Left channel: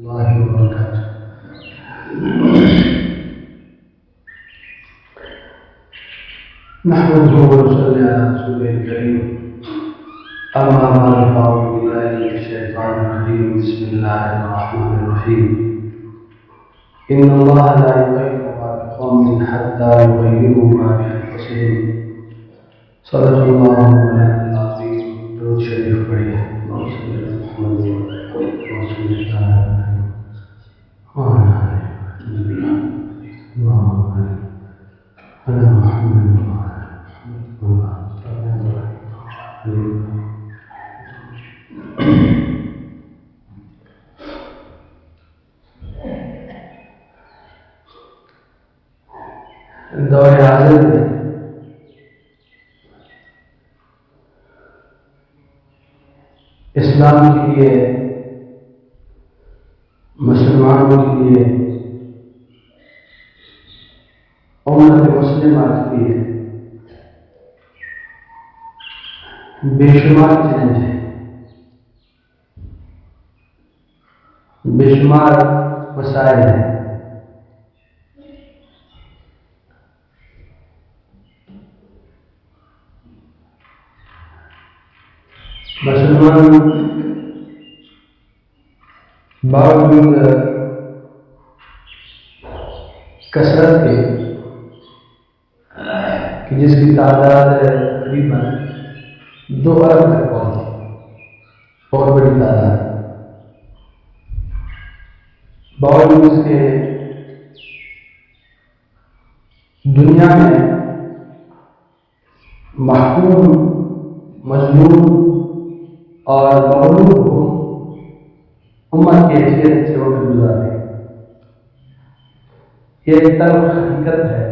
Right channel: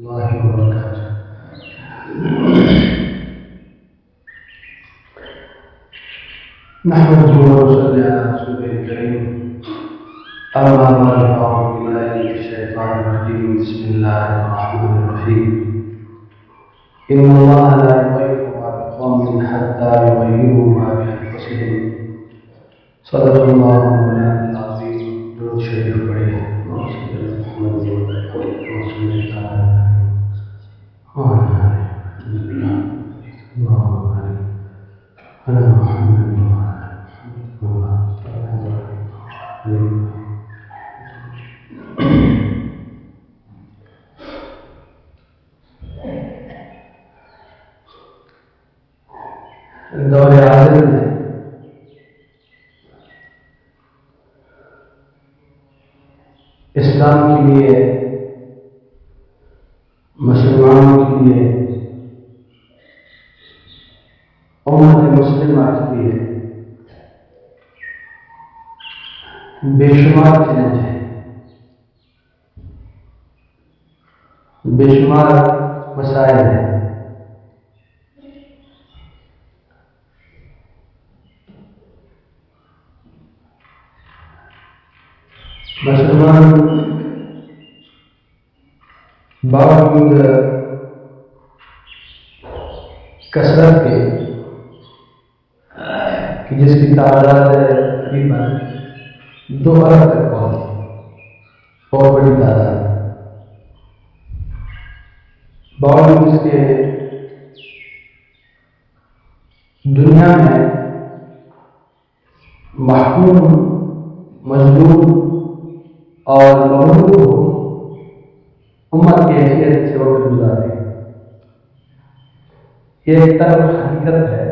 اللہ وبرکاتہ۔ نحمده ونصلي على رسوله الكريم، اما بعد فاعوذ بالله من الشيطان الرجيم، بسم الله الرحمن الرحيم. ان الله لا يغير ما بقوم حتى يغيروا ما بانفسهم. صدق الله مولانا العظيم. درود شریف پڑھیے. اللهم صل على محمد وعلى آل محمد. دور حاضر میں اسلام کے لیے، مسلمان کے لیے، امت مسلمہ کے لیے بے شمار چیلنج ہیں، بے شمار مسائل ہیں. مسلمان باوجود کثرت کے کہ جس کی تعداد تقریباً 2 ارب تک پہنچی، بہت بڑی تعداد، باوجود اس کے دنیا میں محکوم، مظلوم اور مغلوب ہو امت کی حیثیت سے وقت گزارتے ہیں. یہ ایک تلخ حقیقت ہے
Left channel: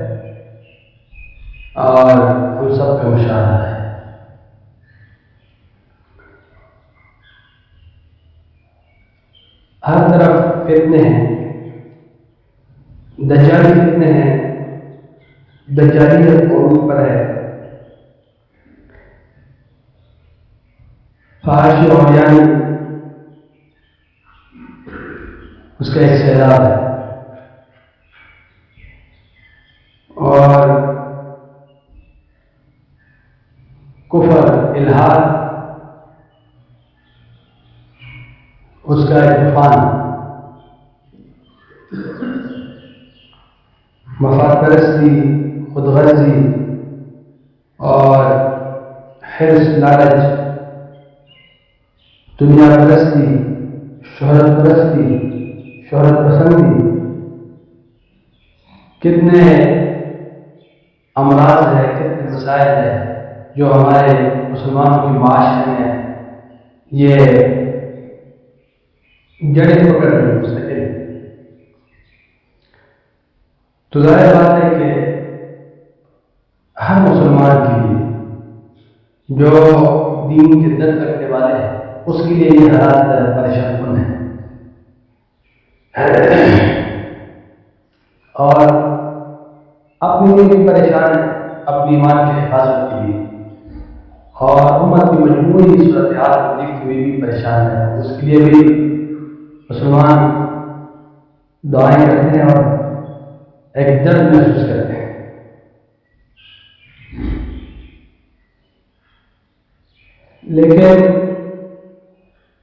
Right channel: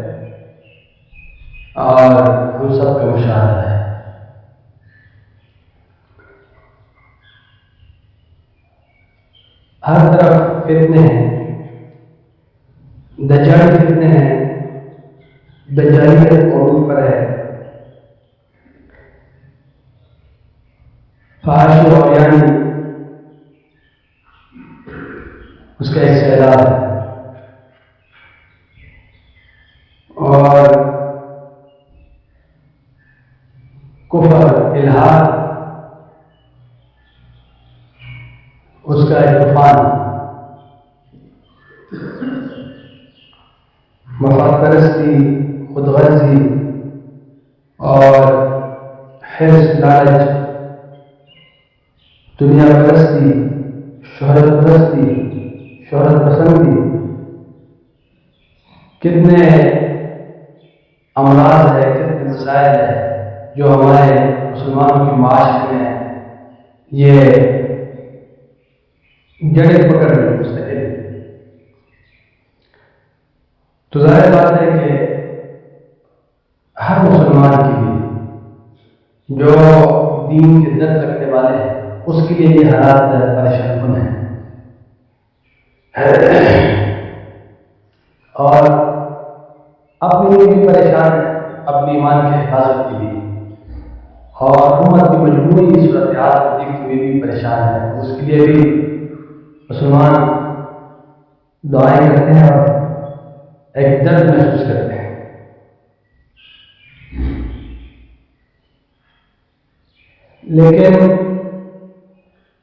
اور ہم سب کا مشاہدہ ہے. ہر طرف فتنے ہیں، دجالی فتنے ہیں، دجالیت عروج پر ہے، فحش اور یعنی اس کا ایک سیلاب ہے، اور کفر، الحاد اس کا ایک طوفان، مفاد پرستی، خود غرضی اور حرص، لالچ، دنیا پرستی، شہرت پرستی، شہرت پسندی، کتنے امراض ہیں، کتنے مسائل ہیں جو ہمارے مسلمانوں کی معاشرے میں یہ جڑیں پکڑ رہی مستقل. تو ظاہر بات ہے کہ ہر مسلمان کے لیے جو دین کے درد رکھنے والے ہیں، اس کے لیے یہ حالات پریشان کن ہیں، اور اپنے لیے بھی پریشان ہے، اپنے ایمان کی حفاظت کے لیے، اور امت کی مجموعی صورتحال کو دیکھتے ہوئے بھی پریشان ہے. اس کے لیے بھی مسلمان دعائیں کرتے ہیں اور ایک درد محسوس کرتے ہیں. لیکن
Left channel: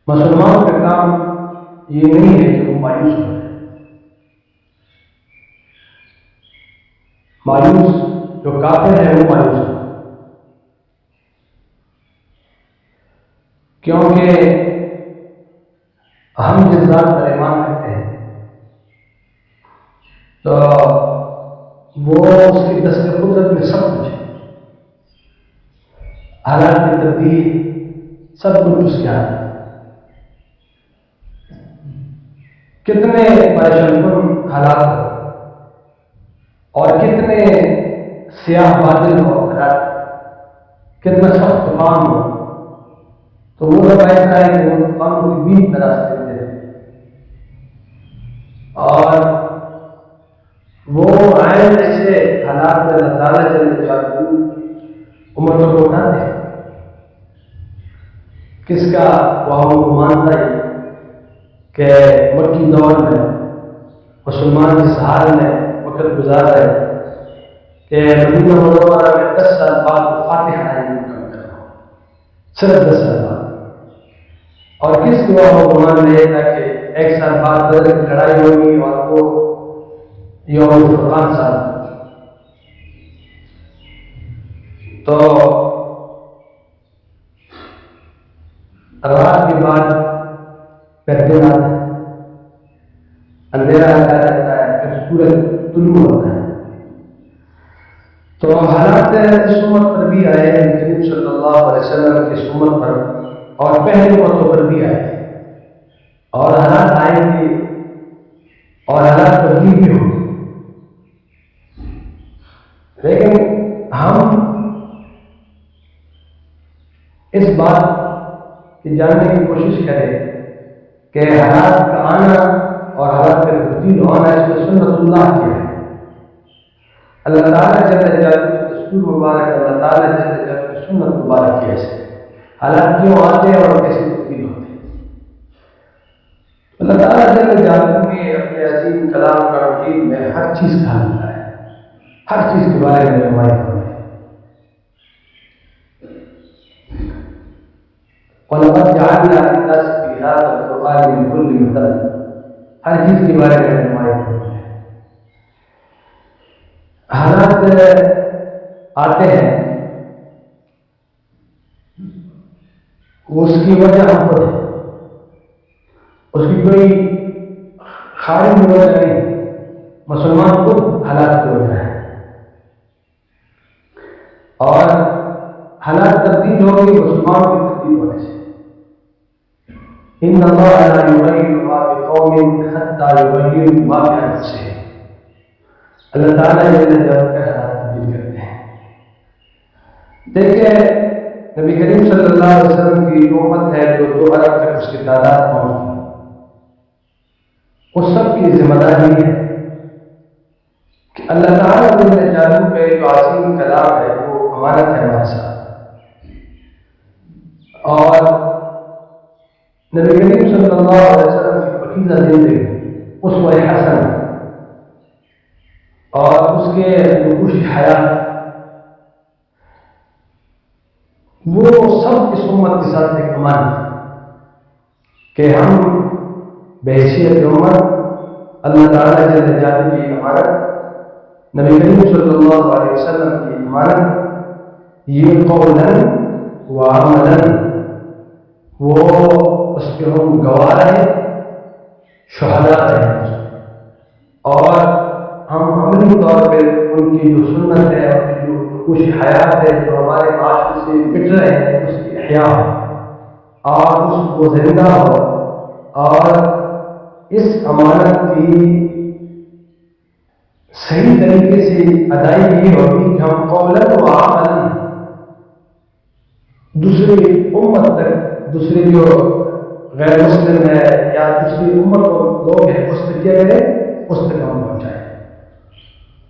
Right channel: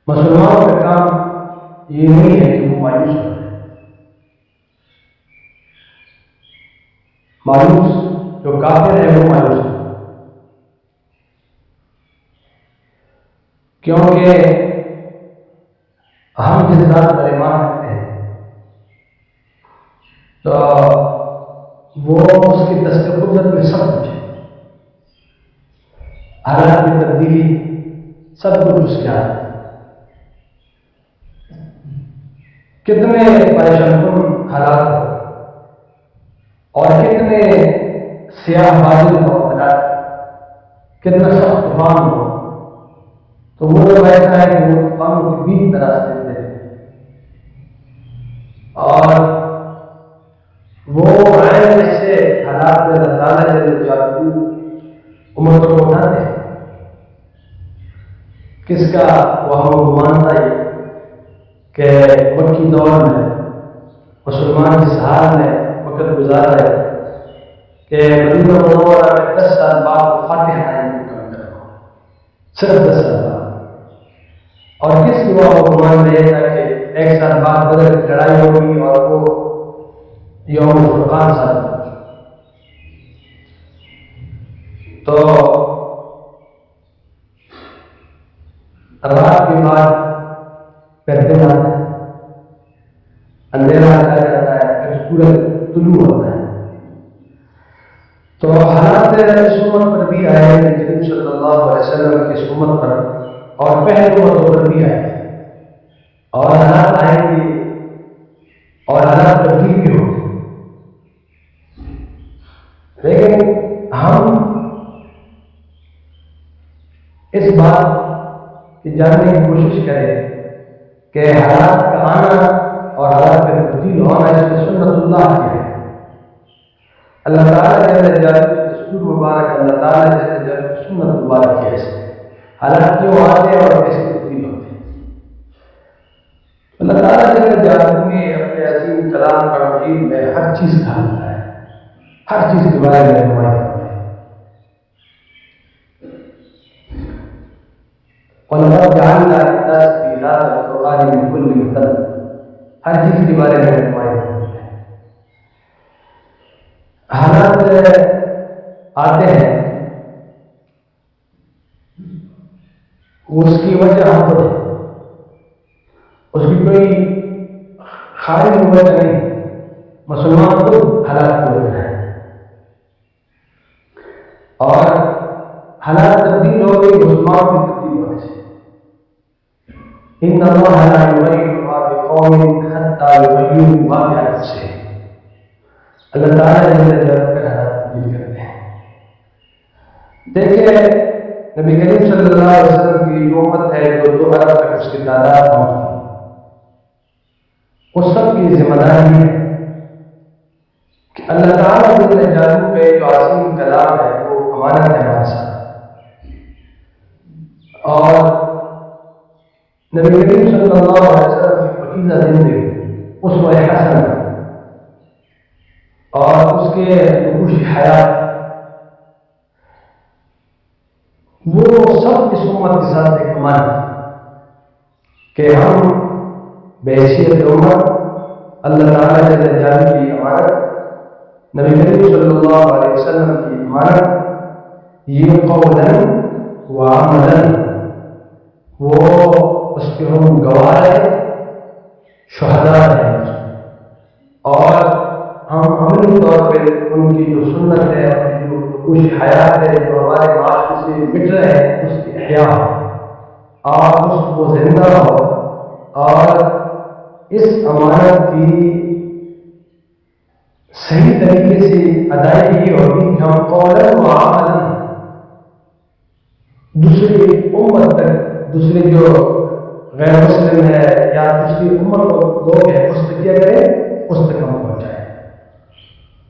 مسلمانوں کا کام یہ نہیں ہے کہ وہ مایوس ہو جائے. مایوس جو کافر ہے وہ مایوس ہو، کیونکہ ہم جس ذات پر ایمان رکھتے ہیں تو وہ اس کی دست قدرت میں سب کچھ ہے، حالات کی تبدیلی سب کچھ اس کے ہاتھ ہے. کتنے پریشان کن حالات ہو اور کتنے سیاہ بادل ہو، حالات کتنا سخت طوفان ہو، تو وہ جب ایسا ہے کہ وہ طوفانوں کے بیچ میں راستے دیتے ہیں اور وہ عین ایسے حالات میں اللہ تعالیٰ جل جلالہ امتوں کو اٹھاتے ہیں. کس کا وہم و گمان تھا کہ مکی دور میں مسلمان جس حال میں وقت گزار رہے کہ مدینہ منورہ میں 10 سال بعد فاتح آئین مکمل کرنا، صرف 10 سال بعد. اور کس کے وہ گمان میں یہ تھا کہ 1 سال بعد بدر کی لڑائی ہوگی اور وہ یوم الفرقان ثابت ہوگی. تو رات کے بعد پھر دن آتا ہے، اندھیرا آ جاتا ہے، پھر سورج طلوع ہوتا ہے. تو حالات اس امت پر بھی آئے، کریم صلی اللہ علیہ وسلم کی اس امت پر اور پہلی امتوں پر بھی آئے، اور حالات آئیں گے اور حالات تبدیل بھی ہوں گے. لیکن ہم اس بات کی جاننے کی کوشش کریں کہ حالات کا آنا اور حالات کا تبدیل ہونا اس میں سنت اللہ کیا ہے. اللہ تعالیٰ جل جلالہ کی دستور مبارک، اللہ تعالیٰ جل جلالہ کی سنت مبارک کی ہے. حالات کیوں آتے ہیں اور کیسے تبدیل ہوتے ہیں. اللہ تعالیٰ جل جلالہ نے اپنے عظیم کلام کا مجید میں ہر چیز کا حل بتایا ہے، ہر چیز کے بارے میں رہنمائی فرمائی. وَلَقَدْ جَعَلْنَا لِلنَّاسِ فِي هَذَا الْقُرْآنِ مِنْ كُلِّ مَثَلٍ، ہر چیز کے بارے میں رہنمائی فرمائی ہے. حالات آتے ہیں، اس کی وجہ ہم خود ہے، اس کی کوئی خارجی وجہ نہیں. مسلمان خود حالات کی وجہ ہے، اور حالات تبدیل ہو گئی مسلمان کی تبدیل ہونے سے. ان اللہ لا یغیر ما بقوم حتی یغیروا ما بانفسہم، اللہ تعالیٰ جل جلالہ کر حالات تبدیل کرتے ہیں. دیکھیں نبی کریم صلی اللہ علیہ وسلم کی جو امت ہے جو 2 ارب تک اس کی تعداد پہنچتی، اس سب کی ذمہ داری ہے کہ اللہ تعالیٰ جل جلالہ کا جو عظیم کلام ہے وہ امانت ہے ہمارے ساتھ. اور نبی کریم صلی اللہ علیہ وسلم کی پاکیزہ زندگی، اسوہ حسن اور اس کے نقوش حیات، وہ سب اس امت کے ساتھ ایک امانت ہے کہ ہم بحیثیت امت اللہ تعالیٰ جل جلالہ کی امانت، نبی کریم صلی اللہ علیہ وسلم کی امانت، یہ قولاً و عملاً وہ اس کے ہم گواہ رہے، شہداء رہے، اور ہم عملی طور پہ ان کی جو سنت ہے، ان کی جو نقوش حیات ہے جو ہمارے معاشرے سے مٹ رہے ہیں، اس کی احیاء ہو اور اس کو زندہ ہو، اور اس امانت کی صحیح طریقے سے ادائیگی ہوگی کہ ہم قولاً و عملاً دوسری امت تک، دوسرے جو غیر مسلم ہے یا دوسری امت لوگ ہیں اس تک کیا کریں، اس تک ہم پہنچائیں.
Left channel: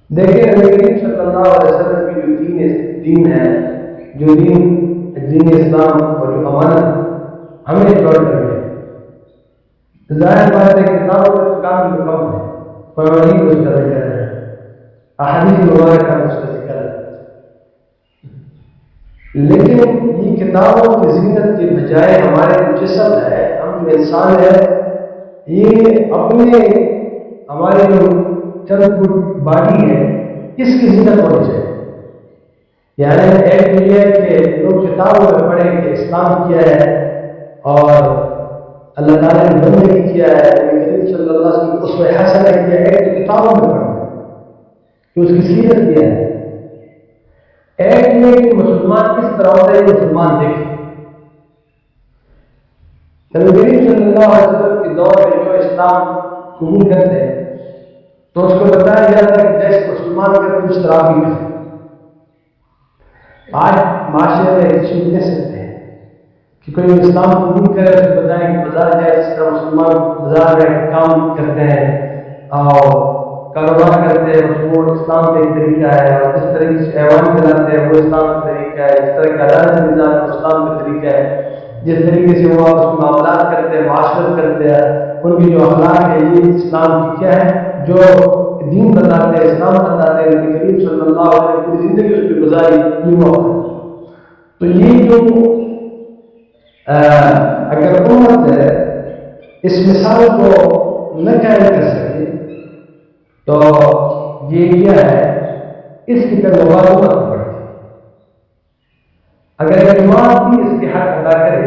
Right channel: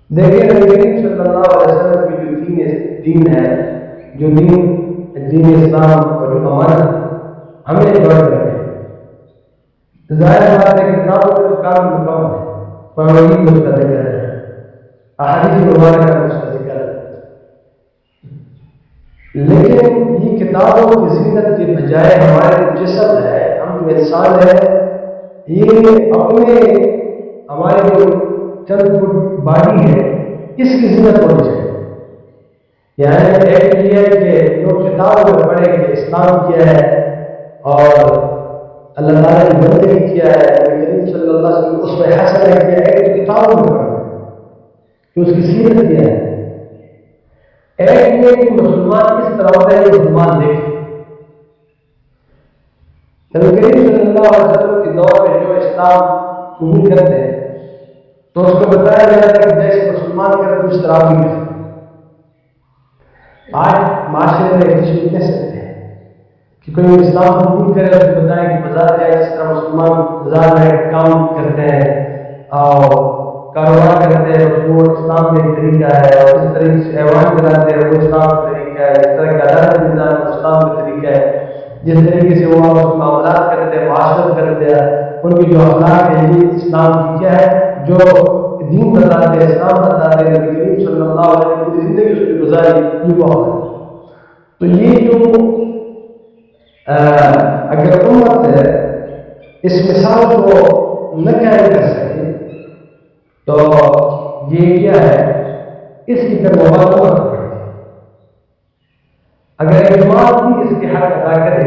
دیکھیں نبی کریم صلی اللہ علیہ وسلم کی جو دین ہے، جو دین اسلام اور جو امانت ہمیں جوڑ کر کے، ظاہر بات ہے کتابوں کے تو کام مکمل ہے، قرآن میں اس کا ذکر ہے، احادیث مبارکہ میں اس کا ذکر ہے، لیکن یہ کتابوں کی زینت کے بجائے ہمارے جو جسم ہے، ہم جو انسان ہے، یہ اپنے ہمارے جو چند فٹ باڈی ہے اس کی زینت ہونی چاہیے. یعنی ایک تو یہ ہے کہ لوگ کتابوں میں پڑھیں کہ اسلام کیا ہے اور اللہ تعالیٰ کی بندگی کیا ہے، نبی کریم صلی اللہ علیہ وسلم اس میں حسنہ کیا ہے، ایک تو کتابوں میں پڑھنا کہ اس کی سیرت کیا ہے. ایک یہ کہ مسلمان کس طرح ہوتا ہے یہ مسلمان دیکھے. نبی کریم صلی اللہ علیہ وسلم کے دور میں جو اسلام قبول کرتے ہیں تو اس کو بتایا جاتا ہے کہ جیسے مسلمان کرتے اس طرح بھی کرتے. آج معاشرے میں کسی کو کہہ سکتے ہیں کہ کوئی اسلام قبول کرے، اس کو بتائیں کہ بازار جائے جس طرح مسلمان بازار میں کام کرتے ہیں اور کاروبار کرتے ہیں، وہ اسلام کا ایک طریقہ ہے، اور جس طریقے سے ایوان چلاتے ہیں وہ اسلام کا طریقہ ہے، جس طرح کی عدالت نظام اسلام کا طریقہ ہے. جس طریقے سے وہ آپس میں معاملات کرتے ہیں، معاشرت کرتے ہیں، ان کی جو اخلاق ہے، یہ اسلام کی کیا ہے، جو دین بتاتے ہیں، اسلام بتاتے ہیں، نبی کریم صلی اللہ علیہ وسلم پوری زندگی اس پہ گزاری، یہ وہ ہے۔ تو یہ جو اگر امت اس مثال کو نہ قائم کر سکے تو یہ کیا ہے، اس کی طرف امت پڑتی ہے۔ اگر ایک جماعت بھی اس کے حق ادا کرے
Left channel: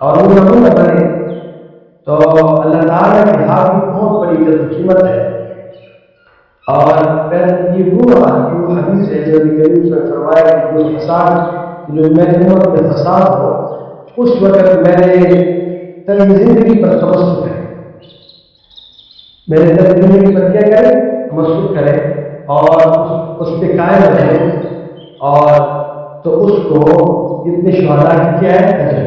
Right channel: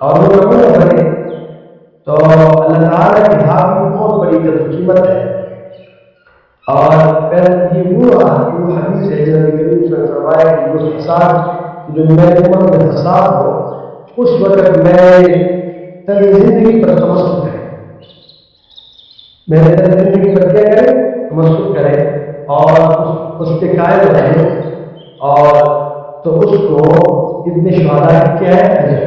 اور وہ نمونہ بنے تو اللہ تعالیٰ کی ہاں بھی بہت بڑی قدر و قیمت ہے۔ اور پھر یہ وہ حدیث ہے جو نبی کریم صلی اللہ علیہ وسلم نے فرمایا کہ جو فساد، جو میری امت میں فساد ہو اس وقت میرے طرز زندگی پر تمسک کرے، میرے طرز زندگی پر کیا کرے، تمسک کرے اور اس پہ قائم رہے، اور تو اس کو اتنے شہداء کی کیا ہے اجر۔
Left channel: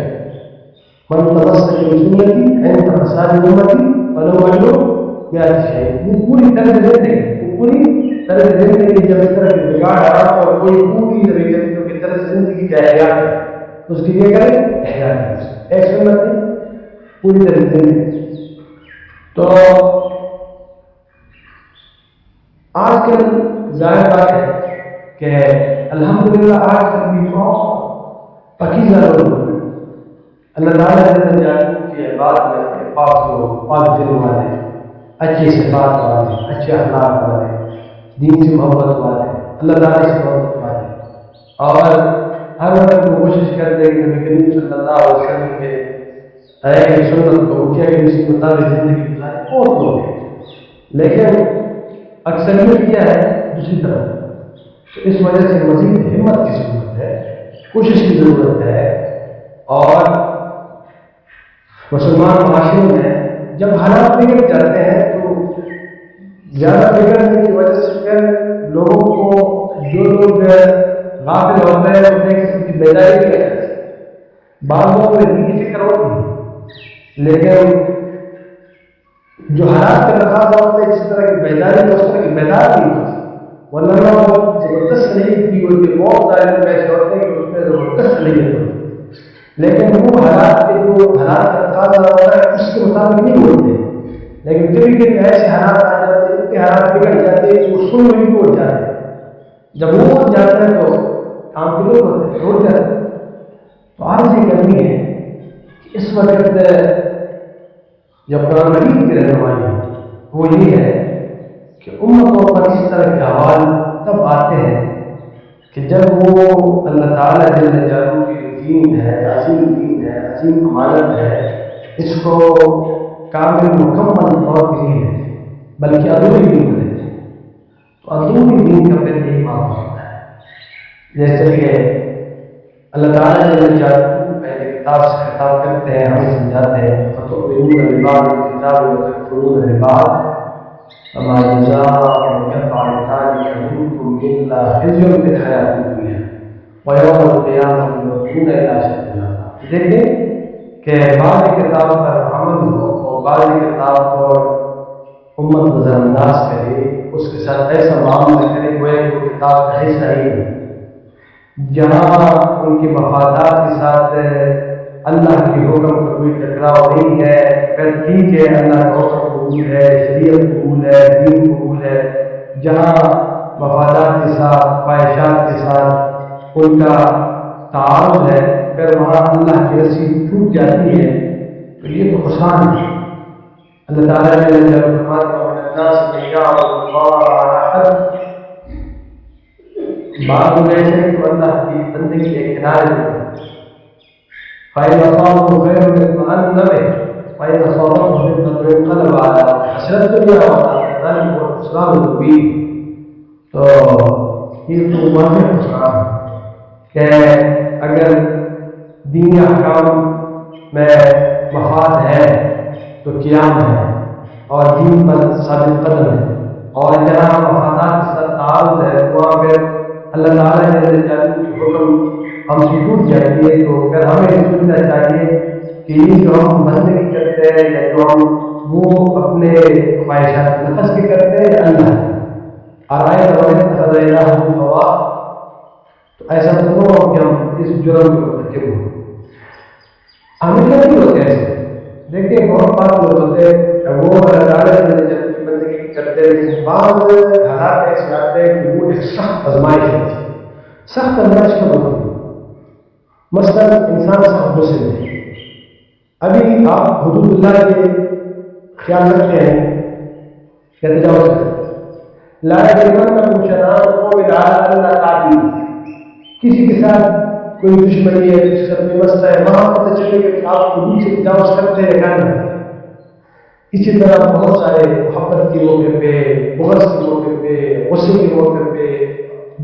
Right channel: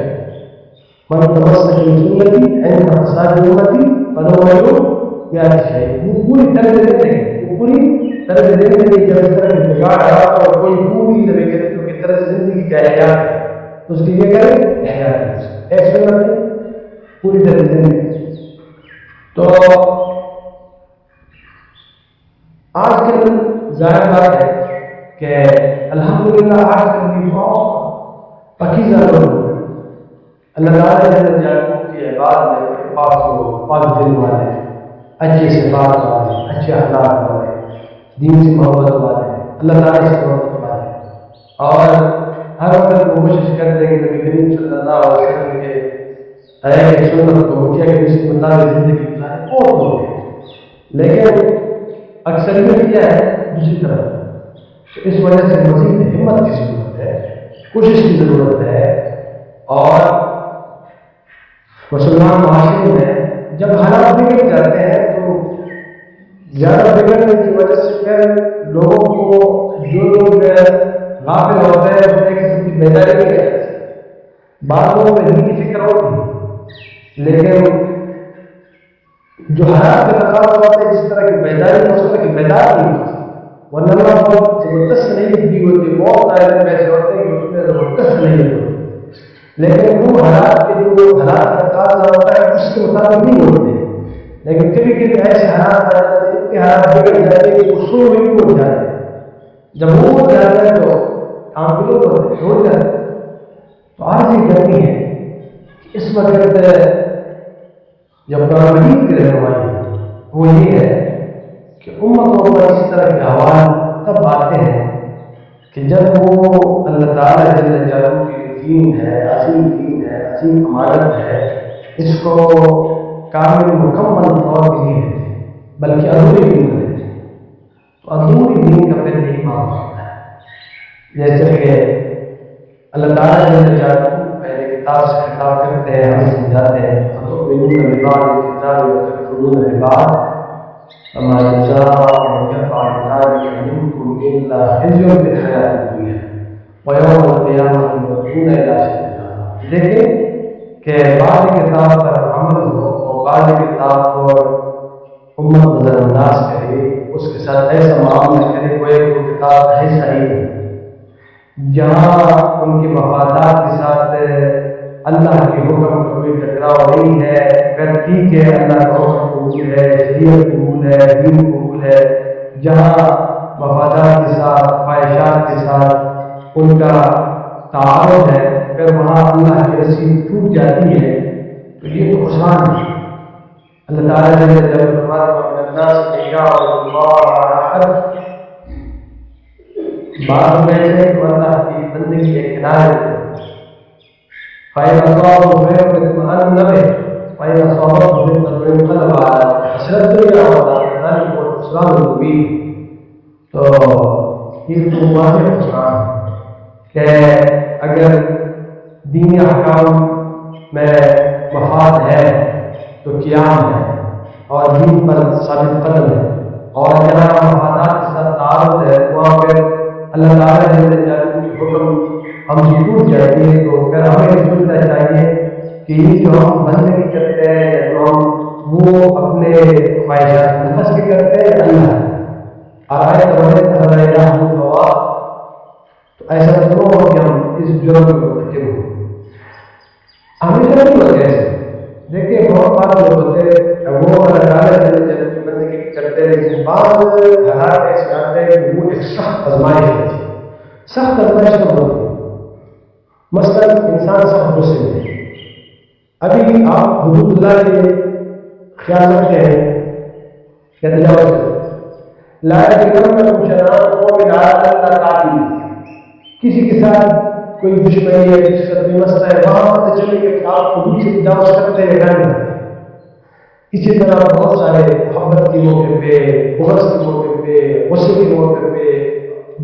من تمسک بسنتی عند فساد امتی فلو اجر مئات شہید۔ وہ پوری طرز زندگی، وہ پوری طرز زندگی جب اس طرح کے بگاڑ حالات اور کوئی پوری نبی کریم کی طرز زندگی کا احیاء ہے تو اس کی یہ کرے احیاء کرے، ایک سنت نہیں، پوری طرز زندگی۔ تو آج کل ظاہر بات ہے کہ الحمدللہ آج کل بھی بہت پاکیزہ لوگ اللہ تعالیٰ جل جلالہ کی عبادت میں بڑے پاک لوگ، پاک دل والے، اچھے صفات والے، اچھے اخلاق والے، دین سے محبت والے، اللہ تعالیٰ سے محبت والے، اور ہر وقت وہ کوشش کرتے ہیں کہ نبی کریم صلی اللہ علیہ وسلم کے ایک سنت کو وہ کیا کہ اس کے مطابق زندگی گزارے، بہت لوگ ہیں، لیکن اکثریت کیا ہے دوسری طرف۔ تو اس وجہ سے مزید ہمت کی ضرورت ہے، کوشش کی ضرورت ہے، اور مسلمان معاشرے میں جب حالات بگڑ جاتے ہیں تو زیادہ بگڑنے کی وجہ سے پھر لوگوں کو، جو لوگ غافل ہوتے ہیں اس میں ایک قسم کی بیداری نہیں رہ جاتی۔ بعض لوگوں میں دین کی فکر ہوتی ہے لیکن جو حالات کا تقاضا ہوتا ہے جس طرح کی بیداری تو اس طرح کی بیدار نہیں ہوتی، ورنہ اللہ بہت زبردست صلاحیت دی ہوتی ہے، بہت سارے ایسے ہوتے ہیں کہ اس میں زبردست صلاحیت ہوتی ہے، لیکن وہ حالات کے جو حالات کا تقاضا ہوتا ہے اس کے مطابق نہیں ہوتے۔ لیکن کبھی کبھی ایسے حالات آ جاتے ہیں، اتنے حالات بگڑ جاتے ہیں کہ وہ سوئی ہوئی بھی اٹھ جاتے ہیں، جب وہ اٹھ جاتا ہے تو کام کے لوگ ہوتے ہیں اٹھ جاتے ہیں۔ تو عرض یہ کرنی ہے کہ اس وقت جب قرآن مجید کی رہنمائی ہے وہ یہ ہے کہ امتوں پر اس طرح کے احوال تب آتے ہیں کہ جب وہ اللہ تعالیٰ جل جلالہ کی دین ہے، عظیم دین ہے، عظیم امانت ہے، اس کو کامل مکمل طور پہ نہیں لیتے بلکہ ادھوری دین کو لیتے ہیں۔ تو ادھوری دین کا پھر یہی معاملہ ہوتا ہے، جیسے کہ اللہ تعالیٰ جل جلالہ پہلے کتاب سے خطاب کرتے ہیں، ہمیں سمجھاتے ہیں فتؤمنون ببعض الکتاب وتکفرون ببعض فما جزاء من يفعل ذلك منكم الا خزي في الحیاۃ الدنیا ویوم القیامۃ یردون الی اشد العذاب۔ دیکھیں کہ بعض کتاب پر عمل ہو اور بعض کتاب کو امت نظر انداز کرے، اس کے ساتھ ایسا معاملہ کرے گویا کہ وہ کتاب کا حصہ ہی نہیں، جہاں ان کے مفادات کے ساتھ اللہ کے حکم کا کوئی ٹکراؤ نہیں ہے، پھر ٹھیک ہے اللہ کا حکم قبول ہے، شریعت قبول ہے، دین قبول ہے، جہاں مفادات کے ساتھ، خواہشات کے ساتھ ان کا تعارض ہے، پھر وہاں اللہ کی رسی ٹوٹ جاتی ہے، تو یہ تو خسران ہے۔ اللہ تعالیٰ نے فرماتے ہیں وَمِنَ النَّاسِ مَن يَعْبُدُ اللَّهَ عَلَىٰ حَرْفٍ، بعض لوگ ایسے ہیں جو اللہ کی بندگی ایک کنارے ہوتے ہیں، فَإِنْ أَصَابَهُ خَيْرٌ اطْمَأَنَّ بِهِ وَإِنْ أَصَابَتْهُ فِتْنَةٌ انقلب عَلَىٰ وَجْهِهِ خَسِرَ الدُّنْيَا وَالْآخِرَةَ ذَلِكَ هُوَ الْخُسْرَانُ الْمُبِينُ۔ تو یہ تو واضح خسران ہے کہ اگر دین احکام میں مفاد ہے تو قیام ہے اور دین پر ثابت قدم ہے، اور جہاں مفادات کے ساتھ تعارض ہے وہاں پھر اللہ تعالیٰ جل جلالہ کی حکم ہم سے ٹوٹ جاتی ہے، تو پھر ہمیں سوچنا چاہیے کہ یہ جو ہم بندگی کرتے ہیں یا جو ہم وہ اپنے خواہشات نفس کے کرتے ہیں یا اللہ ہے، اور آئے تو اتخذ الہ ہوا، تو ایسا تو نہ ہو کہ ہم اس جرم میں مرتکب ہوں۔ ہمیشہ نہیں ہوتے ایسے. دیکھیے بہت بات لوگ ہوتے ہیں وہ اللہ تعالیٰ سے جب کی بندگی کرتے ہیں، لیکن بعض حالات ایسے آتے ہیں کہ وہ ایک سخت آزمائش ہوتی ہے. سخت آزمائش کب ہوتی ہے؟ مثلا انسان سخت مسلم ہے، ابھی آپ حدود اللہ کے خیال رکھتے ہیں یا تجاوز کرتے ہیں. لا یجرمنکم شنآن قوم علی الا تعدلوا، کسی کے ساتھ کوئی دشمنی ہے، کسی کے ساتھ کوئی مسئلہ ہے، وہاں پتہ چلے گا کہ آپ حدود سے تجاوز کرتے ہیں یا کیا نہیں کرتے. اسی طرح بہت سارے محبت کے موقع پہ، بغض کے موقع پہ، غصے کے موقع پہ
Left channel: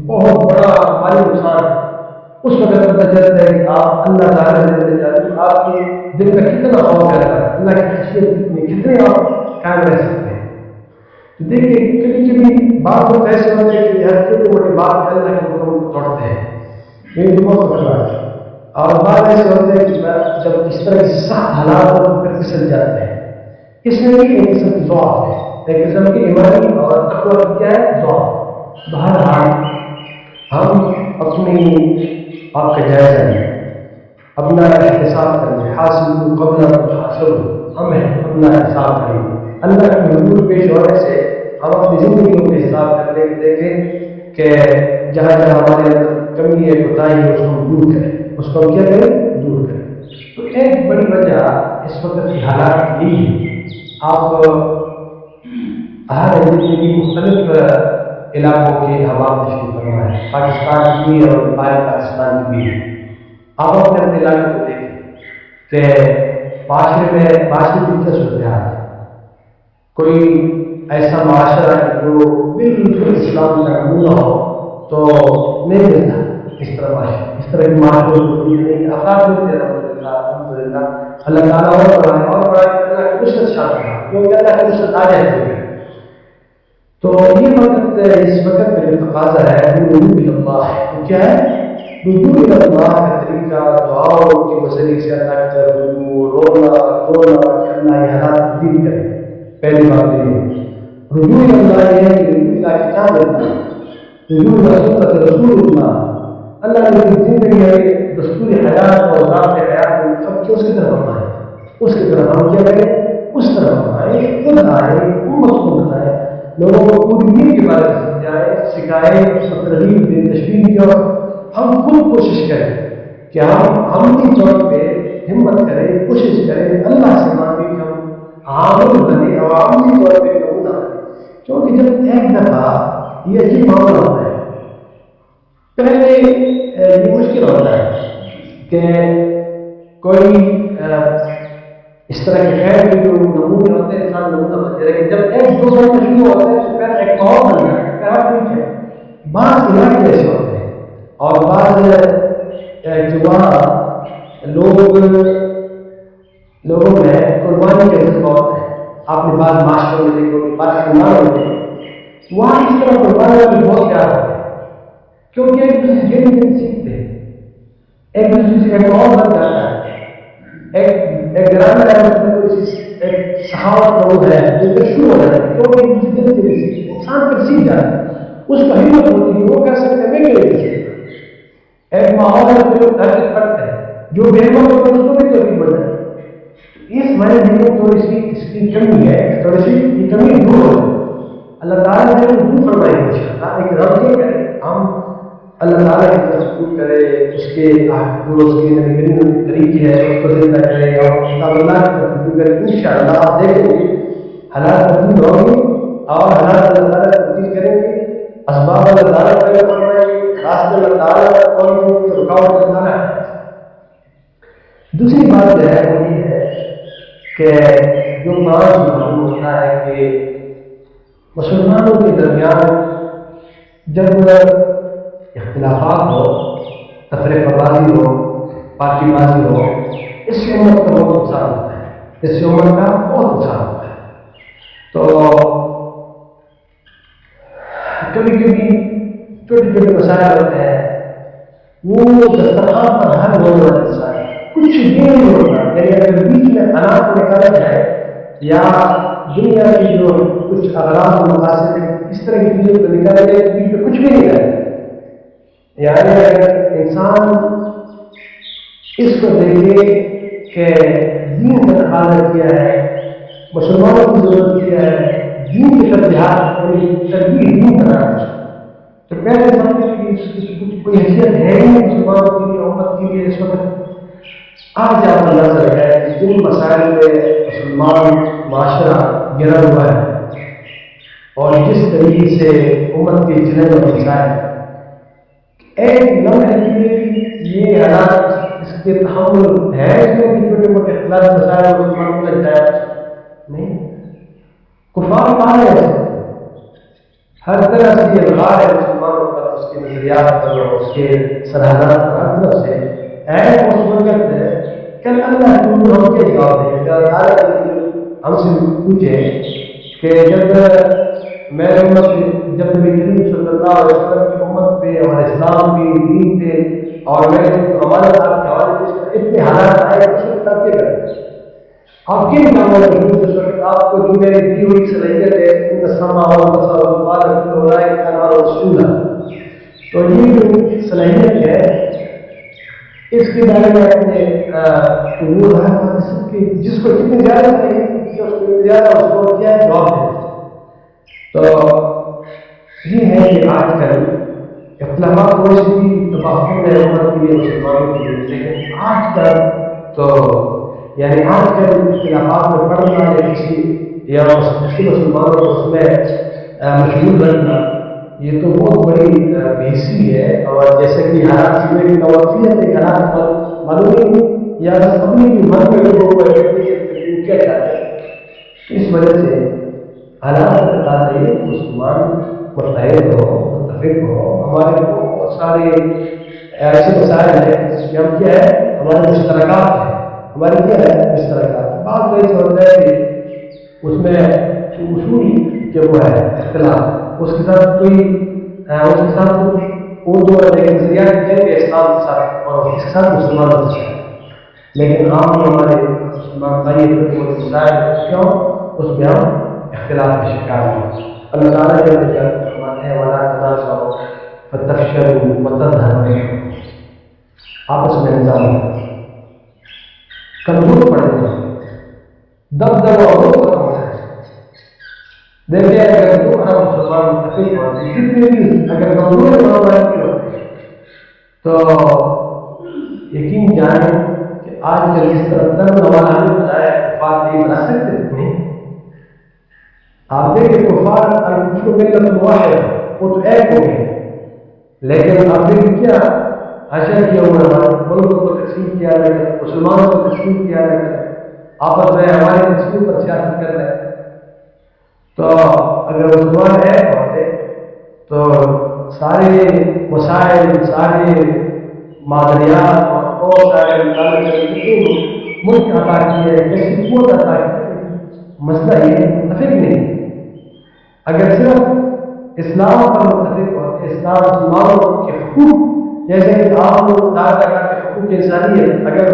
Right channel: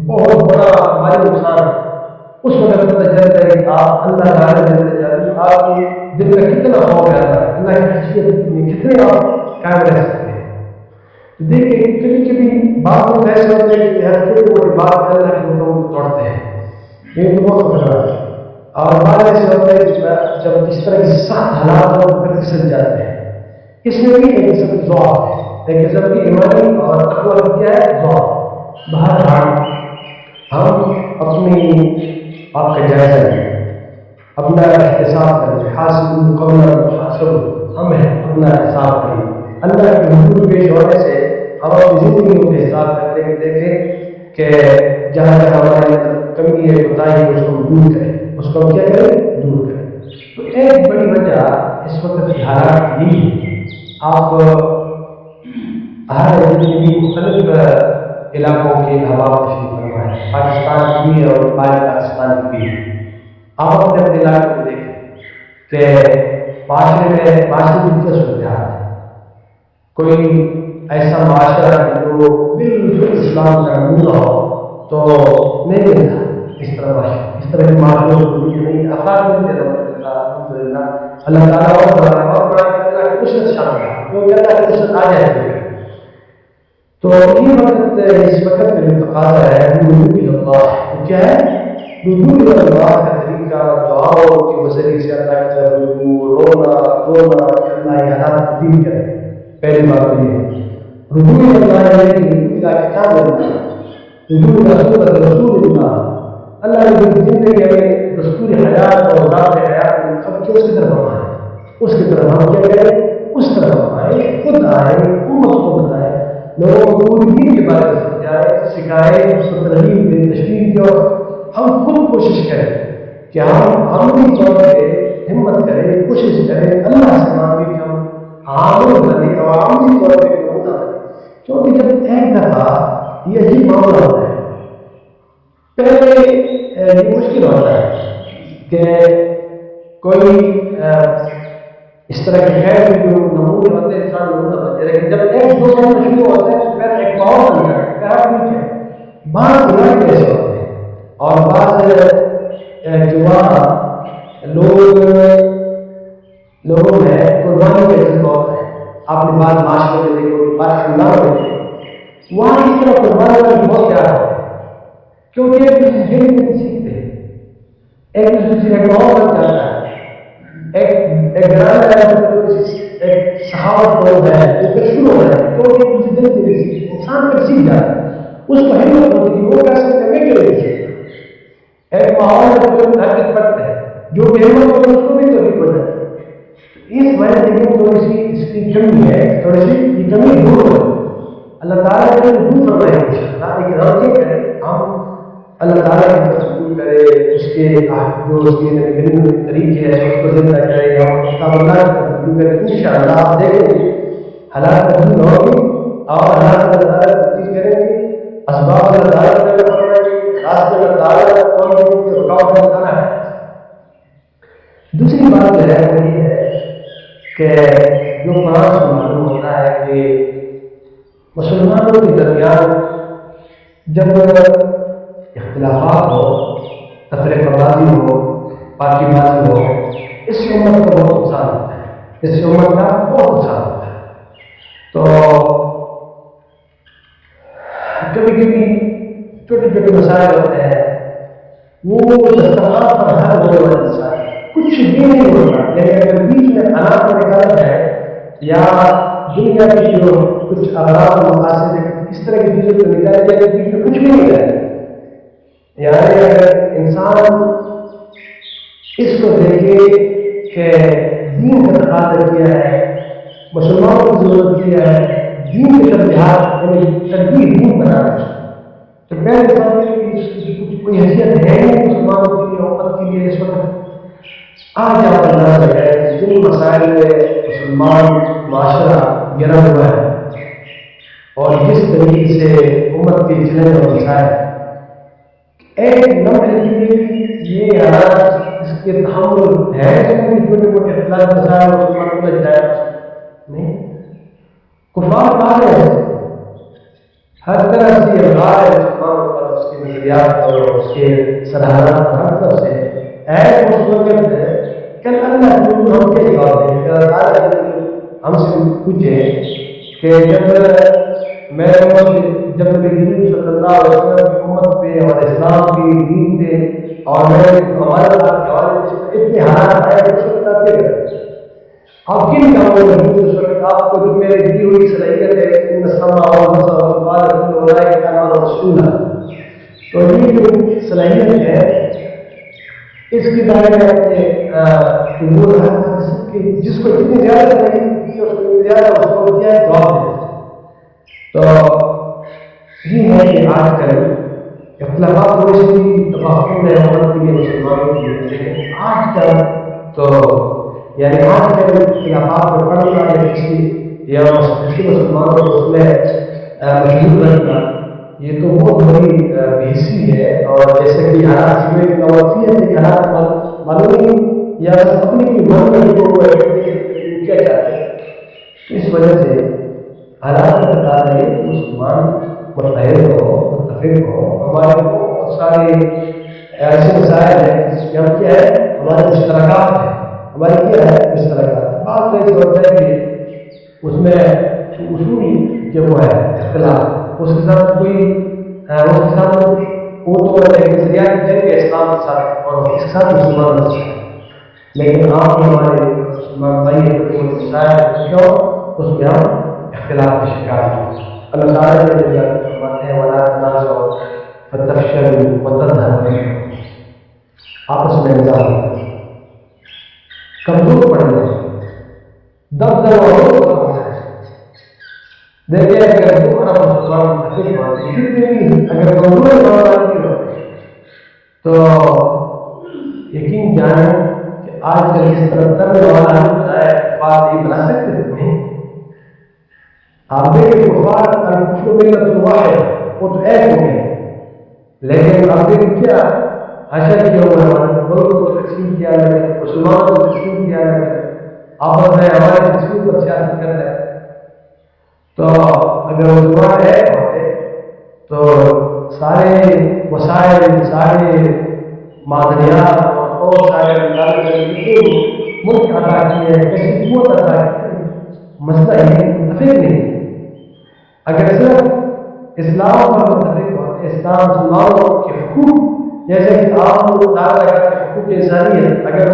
بہت بڑا مالی نقصان ہے. اس وقت پتہ چلتا ہے کہ آپ اللہ تعالیٰ جل جلالہ آپ کے دل میں کتنا خوف رہتا ہے، اللہ کی خشیت میں کتنے آپ قائم رہ سکتے ہیں. تو دیکھیے کبھی کبھی بعض لوگ ایسے ہوتے ہیں کہ ہر چھوٹی موٹی بات پہ اللہ کے حکم کو توڑتے ہیں، یہ تو بہت خطرناک ہے. اور بعض ایسے ہوتے ہیں کہ جب اس طرح کی سخت حالات ہو تو پھر پھسل جاتے ہیں. اس میں بھی ایک قسم کی ضعف ہے، ایک قسم کی ایمانی اور تقویٰ کی کیا ہے؟ ضعف. بہرحال ہم اپنی آپ کا جائزہ لیں، اپنا احتساب کریں. حاسبوا قبل ان تحاسبوا، ہم اپنا احتساب کریں. اللہ کے حضور پیش ہونے سے ہم اپنی زندگیوں کا حساب کرنے کی دیکھیں کہ جہاں جہاں ہمارے اندر کمی ہے، کوتاہی ہے، اس کو ہم دور کریں. اس کو ہم کیا کریں؟ دور کریں. تو ایک بڑی وجہ اس وقت کی حالات یہی ہے. آپ ہر جتنے بھی مختلف علاقوں کے احباب تشریف فرما ہے، پاکستان کی بھی اور باہر پاکستان کی بھی. آپ اپنے اپنے علاقے کو دیکھیں کہ معاشرے میں معاشرے کی کیا صورتحال ہے. کوئی ایسا معاشرہ کہ جو بالکل اسلام کا نمونہ ہو تو نہیں ملتا. اس طرح معاشرہ، اس طرح کی معاشروں کو نہیں افراد ملتے ہیں. الحمدللہ اللہ تعالیٰ اور بڑھائے اللہ کی نصرت شامل ہے، کیونکہ اللہ کی نصرت آ جاتی ہے. تو یہ وقت اس وقت میں جو تقاضا ہے رجوع الی اللہ، وہ کیا ہے؟ رجوع الی اللہ کا طریقہ دعاؤں کے ذریعے سے اللہ کی طرف رجوع، رونا دھونا کہ اللہ یہ حالات تبدیل کرے. پہلی بات تو یہ ہے رجوع الی اللہ، یہ ہے کہ رجوع الی کتاب اللہ، رجوع الی سنت رسول اللہ. اللہ نے جو زندگی ہمیں دستور حیات اور ذات حیات میں سب کے اس کی طرف ہم آئیں، اس کی طرف ہم کیا کریں؟ اس طرف ہم آئیں، خود آئیں، امت کو بتائیں، لوگوں کو پوری دین کے بارے میں سمجھائیں، سکھائیں، اس کو ترغیب دیں، تشویق دیں. اور ہم خود کوشش کریں کہ ہم عملی طور پہ ہمت کریں، کوشش کریں، اللہ سے مانگیں کہ ہم عامل بنیں اور عملی طور پہ نمونہ بنیں. کیونکہ جب ایک دفعہ یہ عجیب معاملہ ہوتا ہے، پہلے یہ مشکل ہوتا ہے کہ کوئی اس طرح کے خیر کے جو نمونے ہوتے ہیں انسان نمونہ بنتے ہیں، لیکن جب ایک دو بننا شروع ہوتا ہے تو پھر ایک ماحول بن جاتا ہے. پھر ٹھیک ہے. بعض علاقے ایسے ہوتے ہیں اور بعض جو وہاں لوگوں میں قربانی کا جذبہ ہوتا ہے. آپ نے بعض معاشروں میں دیکھو گے، بعض خاندانوں میں دیکھو وہاں اس طرح قربانی والے بہت پیار ہوتے ہیں، کیونکہ ایک دوسرے سے گھر سیکھتے ہیں، ایک دوسرے سے ایک ماحول بن جاتا ہے. ایک گھرانہ ہے، اس میں تھوڑی سی ایک سخاوت کا وہ ہے وہ پھر شروع ہو جاتا ہے، کیونکہ ایک دوسرے دل سے سیکھتے انسان پھر سیکھ جاتا ہے. اس کو ہمت ہوتی ہے کہ وہ کہہ سکتے ہیں میں کیوں نہیں سیکھتا. ایک ماحول میں پھر حرکت پڑتا ہے، جو بے ہمت ہوتا ہے اس کو بھی توفیق ہو جاتی ہے. اس معنی دیکھیں تھوڑی سی اس کی کمی ہے، تھوڑی سی یہ کمی دور ہو جائے. اللہ تعالیٰ نے دور فرمائے انشاءاللہ، لیکن ہم کیا کریں؟ ہم اللہ تعالیٰ کی طرف رجوع کرے، اس کے جو اس کے نبی کریم کے طریقے ہیں اس کو زندہ کرے اور کتاب اللہ کی طرف رجوع کرے. انشاءاللہ آپ دیکھیں گے حالات تبدیل ہوں گے اور حالات اللہ تعالیٰ تبدیل کریں گے. اسباب اللہ تعالیٰ پیدا فرمائیں گے، راستے اللہ تعالیٰ کون کی رکاوٹ اللہ تعالیٰ ہے. دوسری بات جو ہے وہ یہ ہے کہ جو پانچ معلوم ہوتا ہے کہ مسلمانوں کے درمیان جب اختلافات ہو، تفرقہ بازی ہو، پارٹی بازی ہو، اس سے امت کا بہت نقصان ہوتا ہے، اس سے امت کا بہت نقصان ہوتا ہے. تو کبھی کبھی چھوٹے چھوٹے مسائل ہوتے ہیں وہ دسترخوان پر حل ہونے والے مسائل کچھ بھی نہیں ہوتا. یعنی اگر بیچ میں اناج کو نکالا جائے یا دنیا کی جو کچھ اغراض و مقاصد اس طرح کی چیزوں کو نکالا جائے تو بیچ میں کچھ بھی نہیں رہتا. یعنی اگر انسان اس کو دیکھے کہ دین کا تقاضا کیا ہے، مسلمانوں کی ضرورت کیا ہے، دین کے ترجیحات یعنی ترجیح دین بنانا ہے، تو پہلے سمجھے کہ اس کی کچھ کوئی حیثیت ہے ہی نہیں مسلمانوں کے لیے، امت کے لیے اس وقت۔ آج آپ اندازہ لگائے کہ جن مسائل میں مسلمان معاشرہ گرا ہوا ہے اور جس طریقے سے امت کے چیلنج اور مسائل، ایک لمحے کے لیے بھی یہ حالات اس کے تحمل ہے اس میں کہ چھوٹے موٹے اختلاف مسائل مسلمان کو لگ جائے نہیں۔ کفار کہاں ہے، ہر طرح سے الغار ہے مسلمانوں پر، اس کے نظریات پر اور اس کے سرحدات پر ہر طرف سے ایک اس وقت ہے۔ کل اللہ کے حضور ہم کیا جواب دیں گے؟ اگر تعالیٰ ہم سے پوچھے کہ جب میرے امت جب نبی کریم صلی اللہ علیہ وسلم کی امت پہ اور اسلام کی دین پہ اور میرے ہمارے ساتھ کے حوالے اس پر اتنے حالات آئے تو اس وقت آپ کیا کرتے ہیں؟ آپ کن کاموں میں مضبوط اس وقت آپ کو جو میری دی ہوئی صلاحیت ہے ان السمع والبصر والفؤاد كل اولئک کان عنہ مسؤولا، تو یہ جو صلاحیت ہے اس کے بارے میں اپنے وہ جس کو جتنی زیادہ صلاحیت ہے اس کو اتنی زیادہ اس کو کیا جواب دے۔ تو یہ ہے کہ آج کل اختلافات تو اس کی تباہی ہے امت کے لیے مسلمانوں کے لیے، لیکن آج کل تو یعنی آج کل اختلافات میں پڑھنا یا کسی مسلمانوں کو اس میں مشغول رکھنا یہ تو بہت بڑی بحثی ہے، اور جیسے کہ حالات سننے کی نوافیت ہے، حالات معلوم نہیں یا بس اپنی کی من میں جو ہوا ہے کیا چاہتے ہیں، اس وجہ سے حالات کا تقاضا ہے کہ مسلمان متحد ہو، متفق ہو۔ ہمارے بہت سارے ایسے مسائل ہیں جس میں ہم کیا ہے، ہمارے مشترکات ہیں، ہماری کیا ہے مشترکات۔ بات تو ایسا ہوتا ہے کہ اس میں اصول جو وہ ہے اختلاف، اس کے ساتھ کوئی اس کے ساتھ وہ تو ایک نظریات جنگ ہے اسلام کے ساتھ اور اس کے ساتھ مسلمانوں کے ساتھ، لیکن عام جو ہمارے مسلمان بھائی مسائل کیوں اس میں ہم اختلاف کا شکار ہیں۔ اللہ تعالیٰ کے فرماتے ہیں وَلَا تَنَازَعُوا فَتَفْشَلُوا وَتَذْهَبَ رِيحُكُمْ، آپس میں نظام ہوتا ہے، کمزور پڑ گئے، دب دبا ہو ختم ہو جائے۔ دیکھیں اگر 2 ارب مسلمان متفق ہوتے ہیں، کتنے بھی اگر کمزور مسلمان کی ہوتے ہیں تو یقین جانیں کہ آج کل اس طرح تر والا ہمیں بتایا کفار نہیں بنا سکتے نہیں۔ آپ دیکھیں کفار الکفر ملت واحد، وہ تو ایک ہو گئے، لیکن آپ دیکھیں کیا حشر کیا ہوا ہے، ہمارے ملک کو تقسیم کیا لگا، مسلمانوں کو تقسیم کیا لگا، آپس میں ہمارے تقسیم پر سیاست کر رہے ہیں۔ تو اگر مسلمان ایک ہوتے تو سارے وسائل، سارے معدنیات اور سارے ملک عطا کیے، کیسی قوت عطا کی، مسئلہ یہ متفق نہیں۔ اگر صرف اسلام پر متفق ہوتے، اسلام مسلمانوں کے حقوق جیسے کہ آپ لوگ دعویٰ لگاتے ہیں حقوق انسانیت، اگر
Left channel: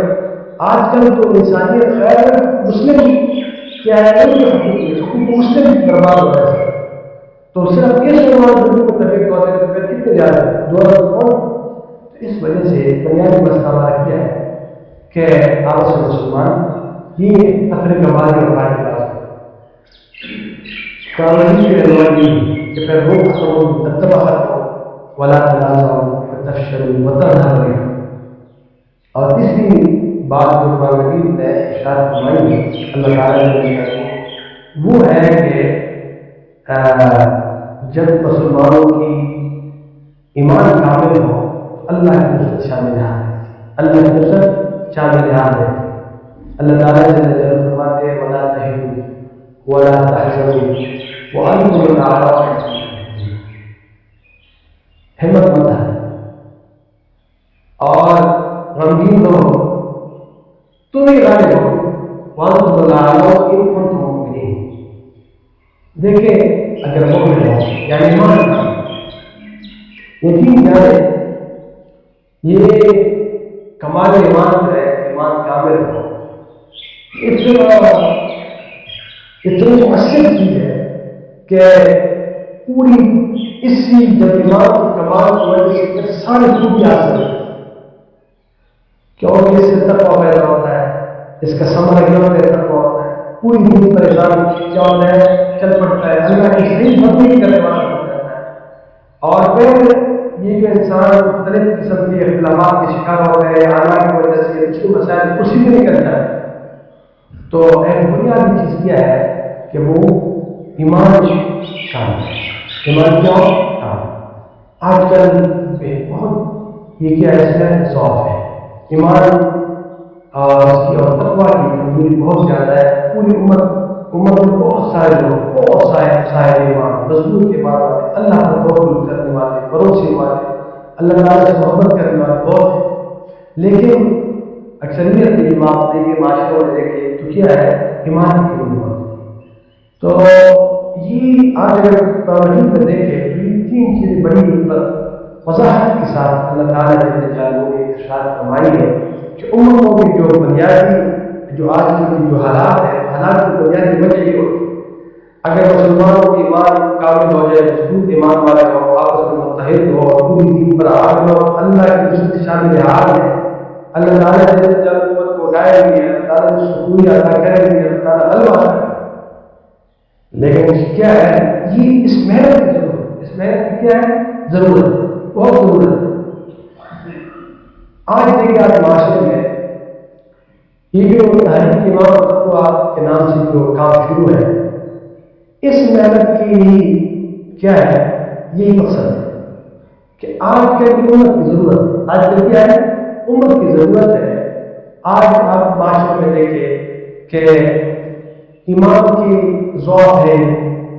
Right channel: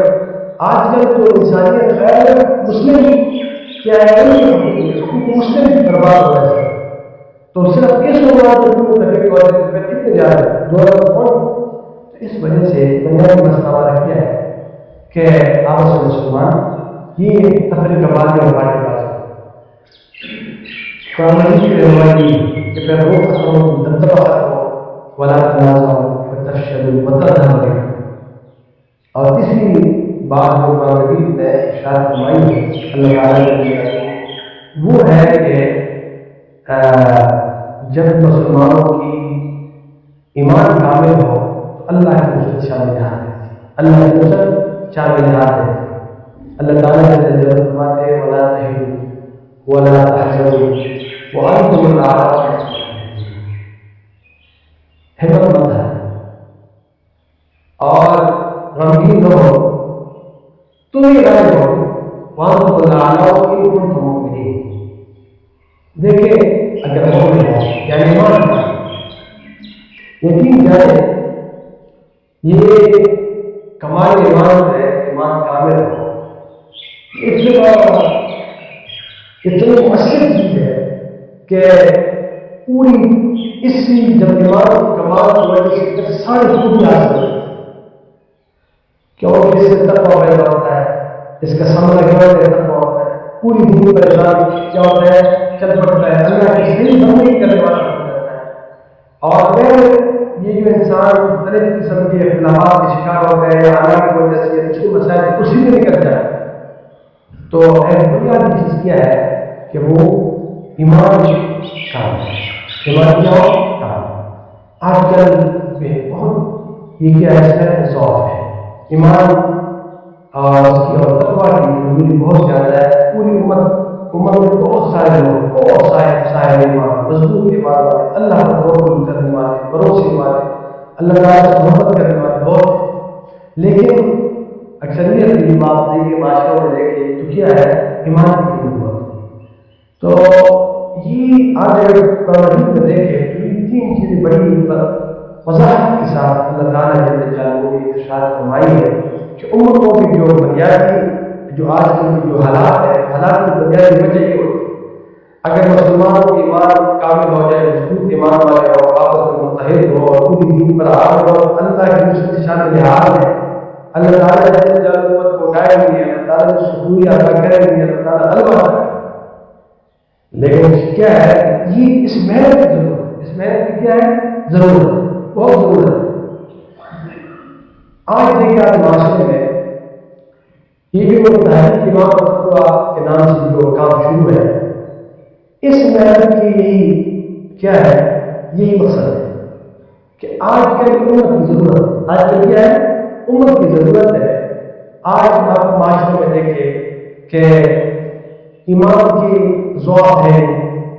آج کل تو انسانیت خیر مسلم کیا ہے ان کے حقوق مسلم برباد ہو رہا ہے، تو صرف اس عنوان پر بھی متفق ہوتے تو پھر کتنے جا رہے ہیں دو ارب کون؟ تو اس وجہ سے بنیادی مسئلہ ہمارا کیا ہے کہ آپس میں مسلمان یہ تفریق بازی اور پارٹی بازی قانونی کے رہنمائی کہ پھر روح ختم ہو، دبدبہ ختم ہو، ولا تنازعوا فتفشلوا وتذهب ريحكم۔ اور تیسری بات جو قرآن مجید میں ارشاد فرمائی ہے اللہ تعالیٰ نے وہ ہے کہ جب مسلمانوں کی ایمان کامل ہو تو اللہ کی نصرت شامل حال ہے، اللہ کی نصرت شامل حال ہے۔ اللہ تعالیٰ نے فرماتے ہیں ولا تهنوا ولا تحزنوا وانتم الاعلون، ہمت مت ہے اور غمگین نہ ہو، تم ہی غالب ہو، وانتم الاعلون ان کنتم مؤمنین۔ دیکھیں اگر مومن ہو یعنی ایمان کا یقین جانے یہ کمال ایمان ہے، ایمان کامل ہو، اتنی مؤثر چیز ہے کہ پوری اسی جب ایمان کی کمال کی وجہ سے پھر ساری خوبی حاصل ہے، کیونکہ اس سے تقویٰ پیدا ہوتا ہے، اس کا ثمرہ کیا ہوتا ہے؟ تقویٰ ہوتا ہے. پوری دنیا پریشان کیا ہوتا ہے؟ چل پڑتا ہے، اللہ کی صحیح بندگی کرنے والا بن جاتا ہے. اور پھر یہ جو انسان مختلف قسم کے اختلافات کا شکار ہوتا ہے یا حالات کی وجہ سے اس کے مسائل اسی میں نکل جائے، تو ایک بنیادی چیز کیا ہے کہ وہ ایمان کام ہے. ایمان کیا ہو؟ کام. آج کل بہت یہ کیا ہے، اس میں ضعف ہے. ایمان اس کی اور تقویٰ کی کمزوری بہت زیادہ ہے. پوری امت میں بہت سارے لوگ، بہت صاحب ایمان، مضبوط ایمان والے، اللہ پر توکل کرنے والے، بھروسے والے، اللہ تعالیٰ سے محبت کرنے والے بہت ہیں. لیکن اکثریت کی جب آپ دیکھیں معاشروں میں دیکھیں تو کیا ہے؟ ایمان کی کمی بہت ہے. تو یہ آج اگر قرآن میں دیکھیں تو یہ تین چیزیں بڑی وضاحت کے ساتھ اللہ تعالیٰ جل جلالہ نے ارشاد فرمائی ہے کہ امتوں کی جو بنیادی جو آج کل کی جو حالات ہے، حالات کی بنیادی وجہ یہ ہوتی ہے اگر مسلمانوں کی ایمان کامل ہو جائے، مضبوط ایمان والے ہو، آپس میں متحد ہو اور پوری دین پر عامل ہو، اللہ کی نصرت شامل حال ہے. اللہ تعالیٰ جل جلالہ امت کو اٹھائیں گے، اللہ تعالیٰ سکون عطا کریں گے، اللہ تعالیٰ غلبہ عطا کریں گے. لیکن کیا ہے؟ یہ اس محنت کی ضرورت ہے. اس محنت کی کیا ہے؟ ضرورت ہے، بہت ضرورت ہے. آج دیکھیں آج معاشرے میں یہ جو تحریک ایمان اور تقویٰ کے نام سے جو کام شروع ہے، اس محنت کی یہی کیا ہے؟ یہی مقصد ہے کہ آج کل کی امت کی ضرورت ہے. آج کل کیا ہے؟ امت کی ضرورت ہے. آج آپ معاشرے میں دیکھیں کہ ایمان کی ضعف ہے.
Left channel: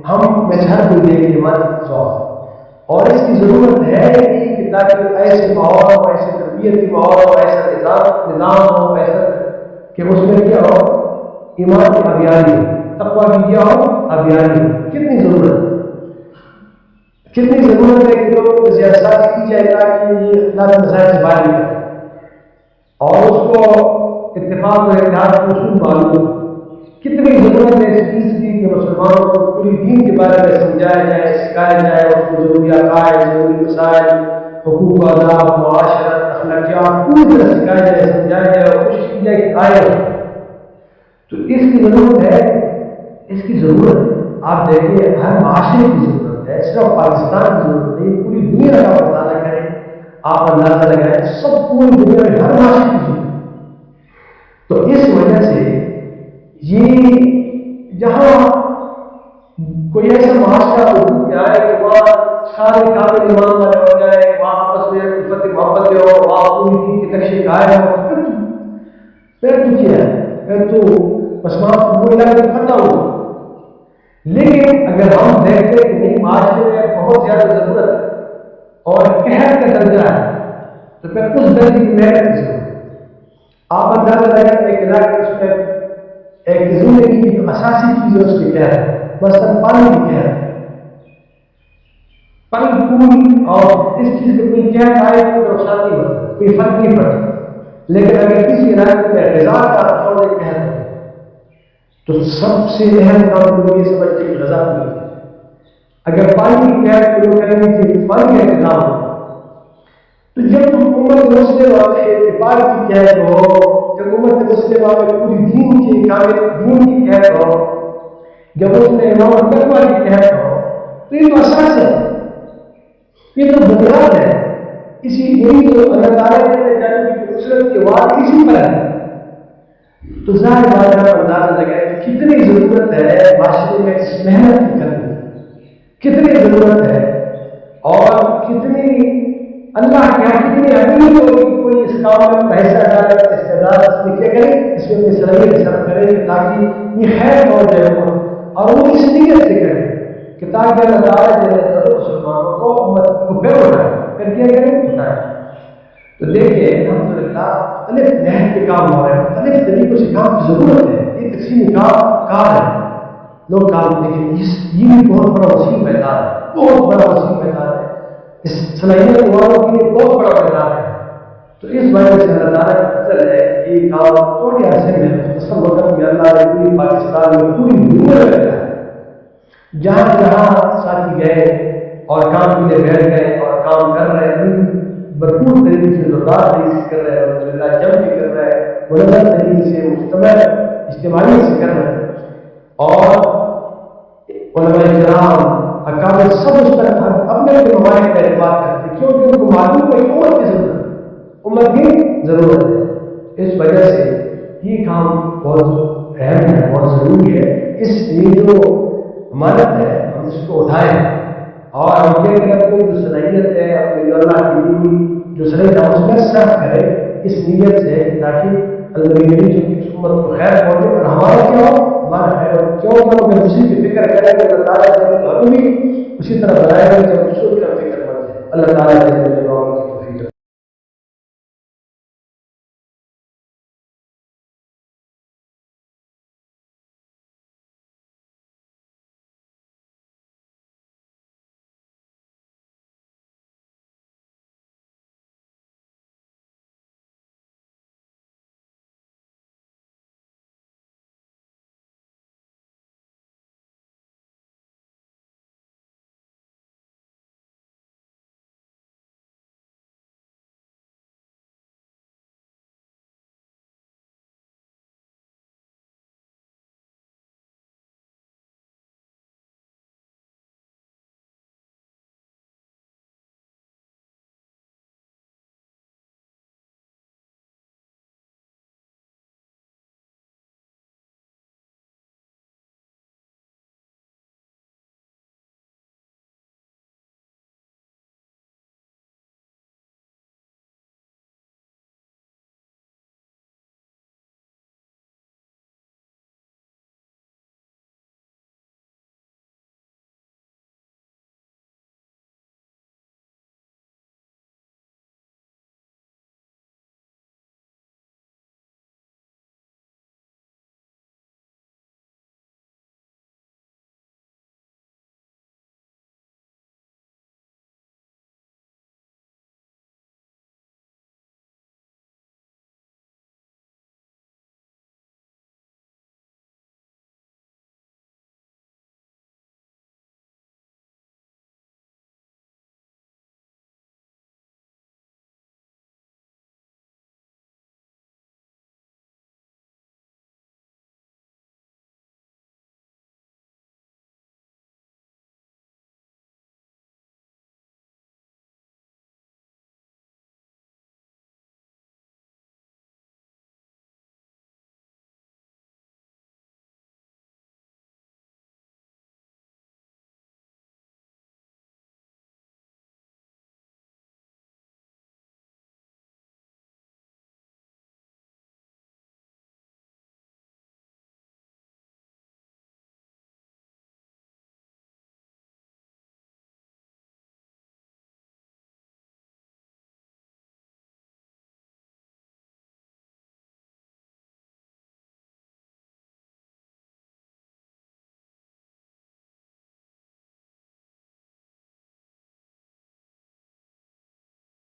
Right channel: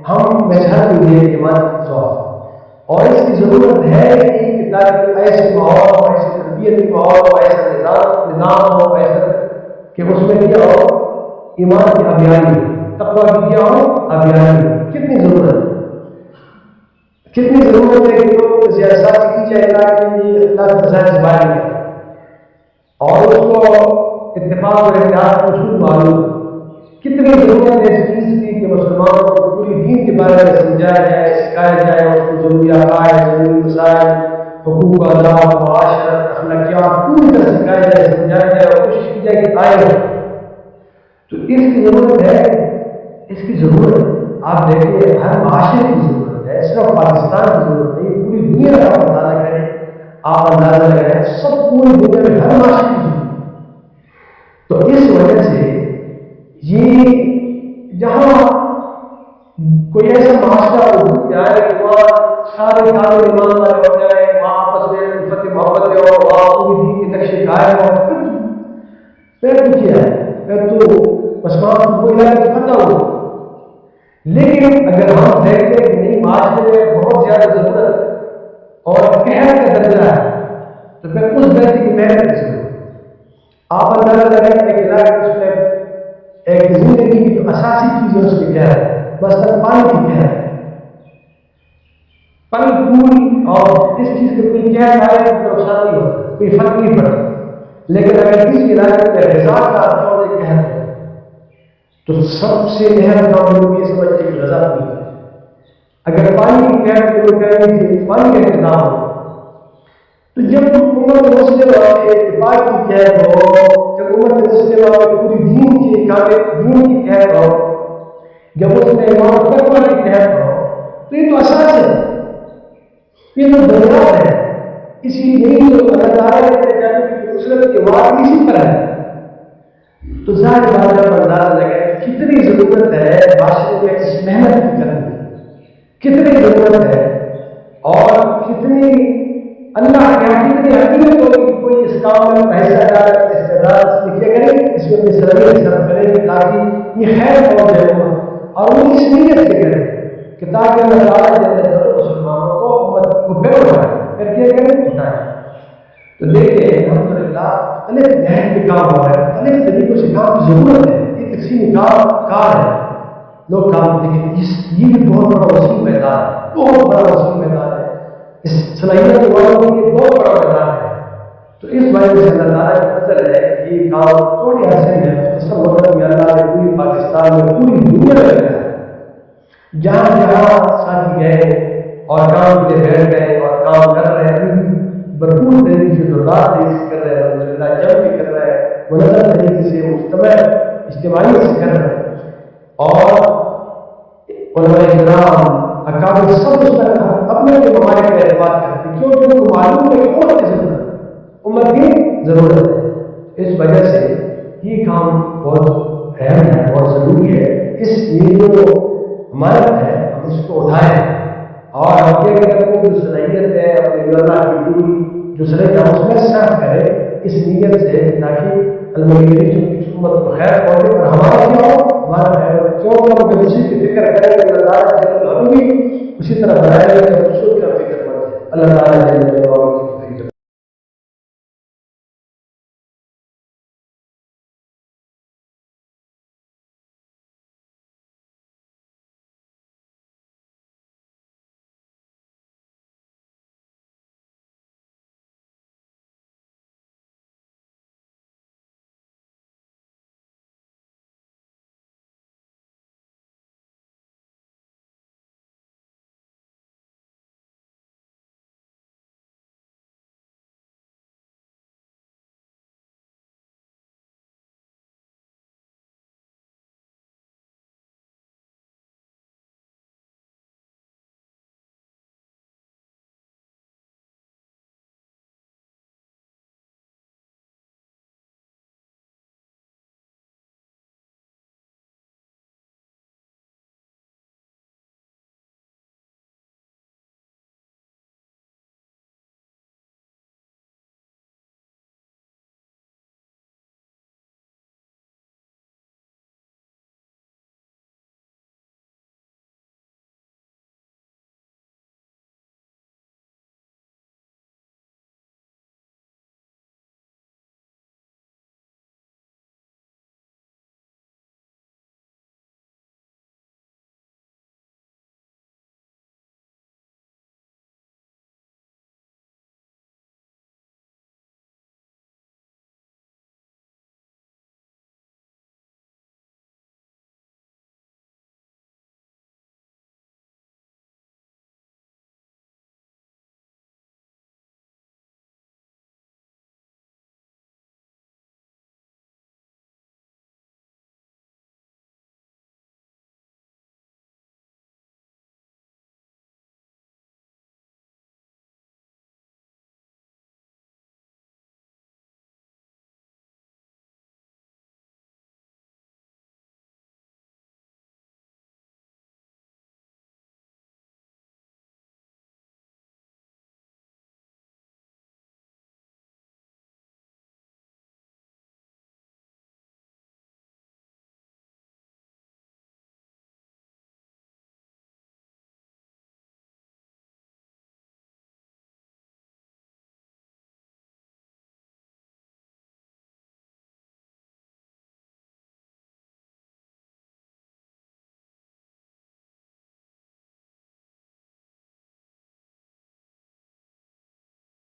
ہم میں سے ہر کوئی دیکھ ایمان کی ضعف ہے اور اس کی ضرورت ہے کہ تاکہ ایسے ماحول ہو، ایسے تربیتی ماحول ہو، ایسا نظام ہو، ایسا کہ اس میں کیا ہو؟ ایمان کی ابیانی، تقویٰ کی کیا ہو؟ ابیانی. کتنی ضرورت ہے، کتنی ضرورت ہے کہ لوگوں کو سیاست کی جائے تاکہ یہ اختلاف مسائل سے باہر نکلے اور اس کو اتفاق اور اتحاد کا اصول معلوم. کتنی ضرورت ہے اس چیز کی کہ مسلمانوں کو پوری دین کے بارے میں سمجھایا جائے، سکھایا جائے، اور اس کو ضروری عقائد، ضروری مسائل، حقوق و آداب، معاشرت، اخلاقیات پوری طرح سکھایا جائے، سمجھایا جائے اور کوشش کی جائے کہ آئے. تو اس کی ضرورت ہے، اس کی ضرورت ہے. آپ دیکھیں ہر معاشرے کی ضرورت ہے، صرف پاکستان کی ضرورت نہیں، پوری دنیا کا مطالعہ کریں، آپ اندازہ لگائیں، سب پوری دنیا میں ہر معاشرے کی ضرورت ہے. تو اس وجہ سے یہ جہاں کوئی ایسا معاشرہ وجود میں آئے کہ وہاں سارے کامل ایمان والے ہو جائے، وہاں آپس میں الفت محبت ہو، وہاں پوری دین کے نقشے قائم ہو، پھر تو کیا ہے؟ پھر تو بس وہاں وہ علاقے فتح ہو. لیکن اگر ہم دیکھتے کہ نہیں معاشرے میں بہت زیادہ ضرورت ہے اور قہر کا درجہ ہے تو پھر اس درجے کی محنت کس کو؟ آپ اندازہ لگائیں ایک علاقے اس میں ایک زندگی کی جو اساسی چیز ہے اس کی قہر ہے، مثلاً پانی کی قہر ہے. پل پھول اور اس چیز کا کوئی قہر آئے تو نقصان نہیں ہوتا، کوئی فرق نہیں پڑتا. لیکن اگر کسی علاقے میں غذا کا چوڑے قہر ہو تو سب سے اہم کام لوگ یہ سمجھتے کہ غذا پوری ہے. اگر پانی کی قہر کو لوگ کہیں گے کہ پانی کا انتظام ہو، تو جب امت مسلمہ میں اتفاق کی قہر ہو، جب امت مسلمہ میں پوری دین کی کامل دین کی قہر ہو، جب اس میں امام و تقویٰ کی قہر ہو، تو یہ تو اساس ہے، یہ تو بنیاد ہے. اسی یہی تو اللہ تعالیٰ نے جانے کی نصرت کے وعدے اسی پر ہے. تو ظاہر بات ہے، اندازہ لگائے کہ کتنی ضرورت ہے معاشرے میں اس محنت کی کرنے کی، کتنی ضرورت ہے اور کتنی اللہ کیا کتنی اہمیت ہوگی کہ کوئی اس کام میں پیسہ ڈالے، استعداد اس میں کیا کرے، اس میں اپنی صلاحیت صرف کرے کہ تاکہ یہ خیر پہنچ جائے امت، اور وہ اس نیت سے کرے کہ تاکہ اللہ تعالیٰ جل جلالہ مسلمانوں کو امت کو پھر اٹھائے، پھر کیا کرے، اٹھائے. تو دیکھیں الحمدللہ مختلف نہج پہ کام ہو رہا ہے، مختلف طریقوں سے کام کی ضرورت ہے. یہ تقسیمی کار ہے، لوگ کام، لیکن یہ بھی بہت بڑا وسیع میدان ہے، بہت بڑا وسیع میدان ہے. اس صلاحیت والوں کے لیے بہت بڑا میدان ہے. تو اس وجہ سے اللہ تعالیٰ کا فضل ہے کہ یہ کام تھوڑے عرصے میں مختصر وقت میں اللہ نے پوری پاکستان میں پوری دنیا میں کیا ہے. جہاں جہاں ساتھی گئے اور کام کے لیے بیٹھ گئے اور کام کر رہے ہیں، بھرپور طریقے سے زوردار طریقے سے کر رہے ہیں، الحمدللہ جم کے کر رہے ہیں، منظم طریقے سے اجتماعیت سے کر رہے ہیں، اور علماء کرام اکابر سب اس پر اپنے اپنے ممالک کا اعتماد کرتے ہیں، کیونکہ ان کو معلوم ہے کہ امت کی ضرورت ہے، امت کی ضرورت ہے۔ اس وجہ سے یہ کام بہت اہم ہے، بہت ضروری ہے۔ اس لیے جو امانت ہے ہم اس کو اٹھائیں، اور ہم کیا کریں، اپنی جو صلاحیت ہے، اپنی جو اللہ کی دی ہوئی جو صلاحیت ہم اس میں صرف کریں اس نیت سے، تاکہ المجرمین کی امت کو خیر پہنچے اور ہمارا کیا ہو، ہمارا خیر ہو۔ کیوں کہ ہم دوسری کی فکر کریں تو اللہ تعالیٰ ہمیں بھی اسی طرح بنائے گا جب دوسروں کا فکر مند ہے۔ اللہ تعالیٰ